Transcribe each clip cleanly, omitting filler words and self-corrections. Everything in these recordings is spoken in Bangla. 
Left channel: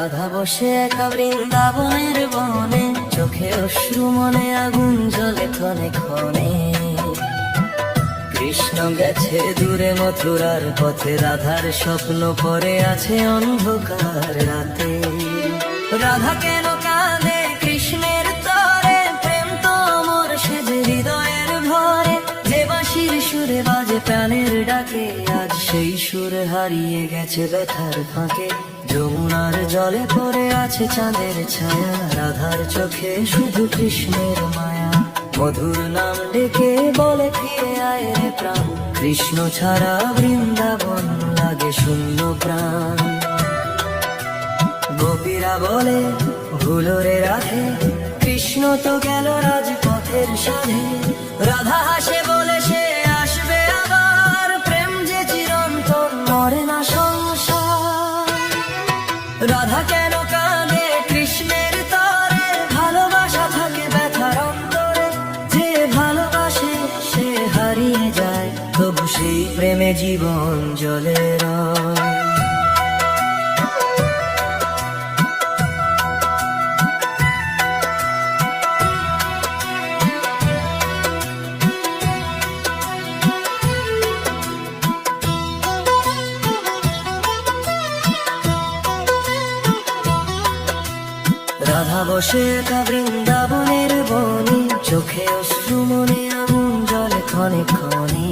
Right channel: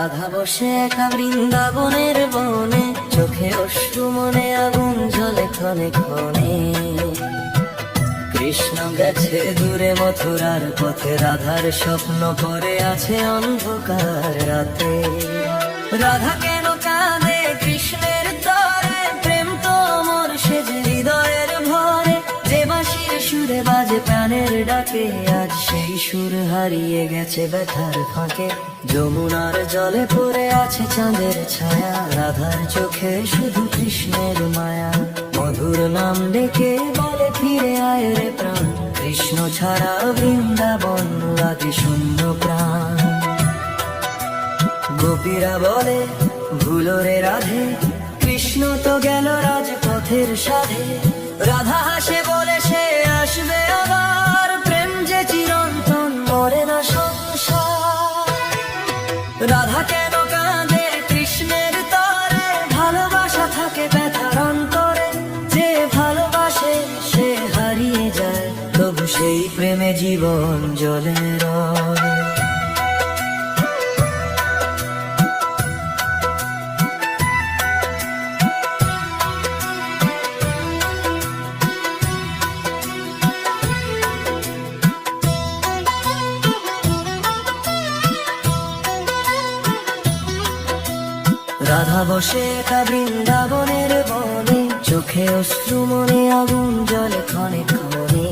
রাধা বসে একা বৃন্দাবনের বনে, চোখে অশ্রু মনে আগুন জ্বলে ক্ষণে ক্ষণে। কৃষ্ণ গেছে দূরে মথুরার পথে, রাধার স্বপ্ন পড়ে আছে অন্ধকার রাতে। রাধা কেন কাঁদে কৃষ্ণের তরে, প্রেম তো অমর সে যে হৃদয়ের ভরে। যে বাঁশির সুরে বাজে কানের ডাকে, আজ সেই সুর হারিয়ে গেছে ব্যথার ফাঁকে। যমুনার জলে পড়ে আছে চাঁদের ছায়া, রাধার চোখে শুধু কৃষ্ণের মায়া। মধুর নাম ডেকে বলে ফিরে আয় রে প্রাণ, কৃষ্ণ ছাড়া বৃন্দাবন লাগে শূন্য প্রাণ। গোপীরা বলে ভুলো রে রাধে, কৃষ্ণ তো গেল রাজপথের সাধে। রাধা হাসে বলে সে আসবে আবার, প্রেম যে চিরন্তন মরে না সংসার। রাধা কেন কাঁদে কৃষ্ণের তরে, ভালোবাসা থাকে ব্যথার অন্তরে। যে ভালোবাসে সে হারিয়ে যায়, তবু সেই প্রেমে জীবন জ্বলে রয়। রাধা বসে একা বৃন্দাবনের বনে, চোখে অশ্রু মনে আগুন জ্বলে ক্ষণে ক্ষণে।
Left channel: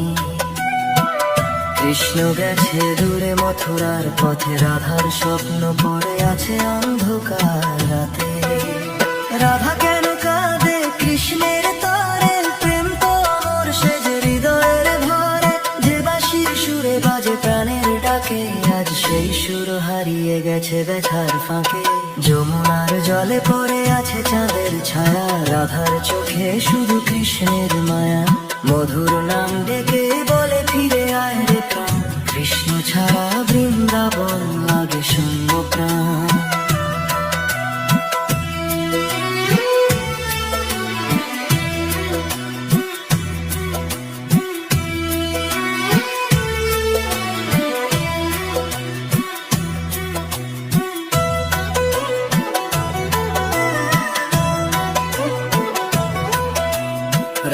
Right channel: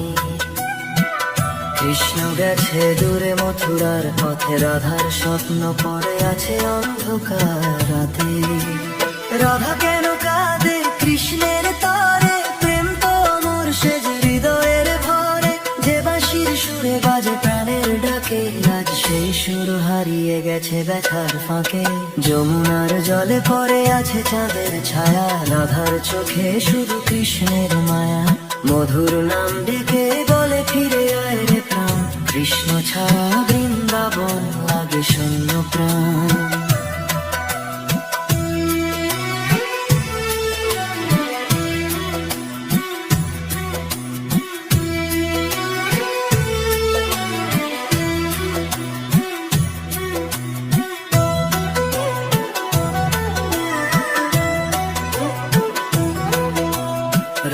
কৃষ্ণ গেছে দূরে মথুরার পথে, রাধার স্বপ্ন পড়ে আছে অন্ধকার রাতে। রাধা কেন কাঁদে কৃষ্ণের তরে, প্রেম তো অমর সে যে হৃদয়ের ভরে। যে বাঁশির সুরে বাজে প্রাণের ডাকে, আজ সেই সুর হারিয়ে গেছে ব্যথার ফাঁকে। যমুনার জলে পড়ে আছে চাঁদের ছায়া, রাধার চোখে শুধু কৃষ্ণের মায়া। মধুর নাম ডেকে বলে ফিরে আয় রে প্রাণ, কৃষ্ণ ছাড়া বৃন্দাবন লাগে শূন্য প্রাণ।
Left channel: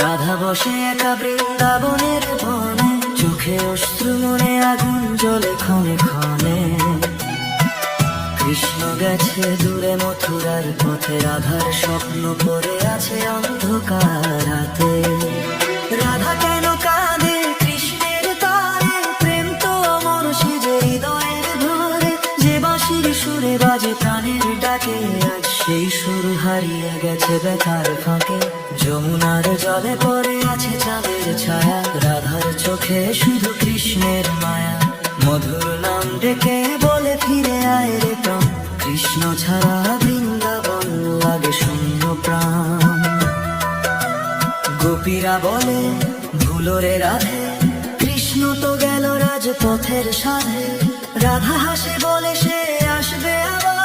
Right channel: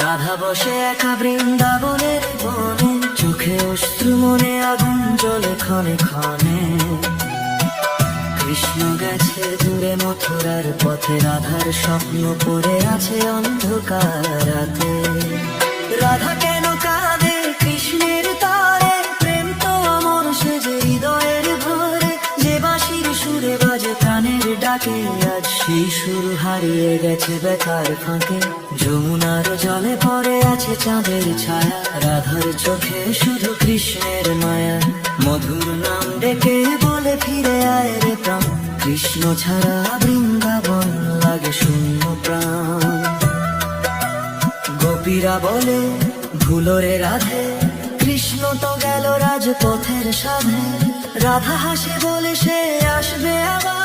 রাধা বসে একা বৃন্দাবনের বনে, চোখে অশ্রু মনে আগুন জ্বলে ক্ষণে ক্ষণে। কৃষ্ণ গেছে দূরে মথুরার পথে, রাধার স্বপ্ন পড়ে আছে অন্ধকার রাতে। রাধা কেন কাঁদে কৃষ্ণের তরে, প্রেম তো অমর সে যে হৃদয়ের ভরে। যে বাঁশির সুরে বাজে প্রাণের ডাকে, আজ সেই সুর হারিয়ে গেছে ব্যথার ফাঁকে। যমুনার জলে পড়ে আছে চাঁদের ছায়া, রাধার চোখে শুধু কৃষ্ণের মায়া। মধুর নাম ডেকে বলে ফিরে আয় রে প্রাণ, কৃষ্ণ ছাড়া বৃন্দাবন লাগে শূন্য প্রাণ। গোপীরা বলে ভুলো রে রাধে, কৃষ্ণ তো গেল রাজপথের সাধে। রাধা হাসি বলে সে আসবে আবার,